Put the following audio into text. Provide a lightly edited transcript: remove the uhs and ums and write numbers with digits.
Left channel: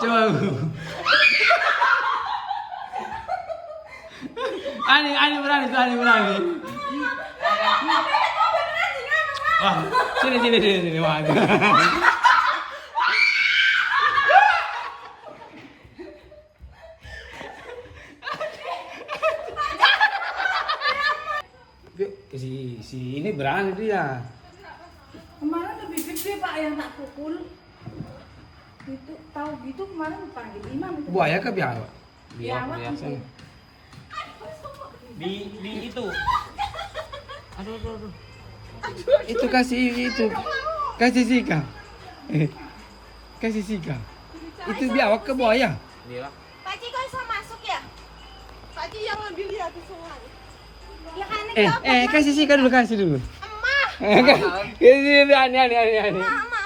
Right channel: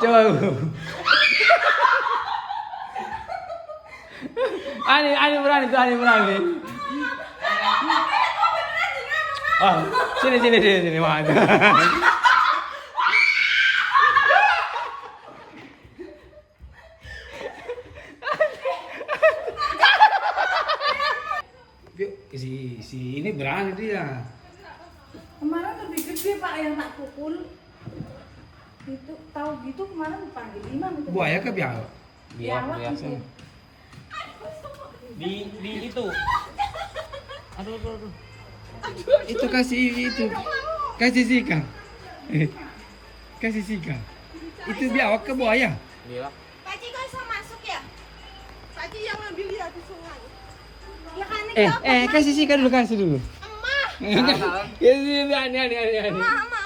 Coba. Ani berani tuh, Ani berani. Oh, sini, wah. Yuk, si ini berani dia. Kemarin lebih gede Pak yang tak pukul. Itu tahu gitu kemarin panggil imam itu. Buaya ke biawak? Biawak itu. Di itu. Aduh. Itu kasih sika. Kasih sika. Itu biawak ke buaya. Iya. Pak Ci kok bisa masuk ya? Pak Ci yang ngambil di atas sungai. Ya kan ini Kasih sika dulu, kasih dulu. emak. Ini ani. Emak.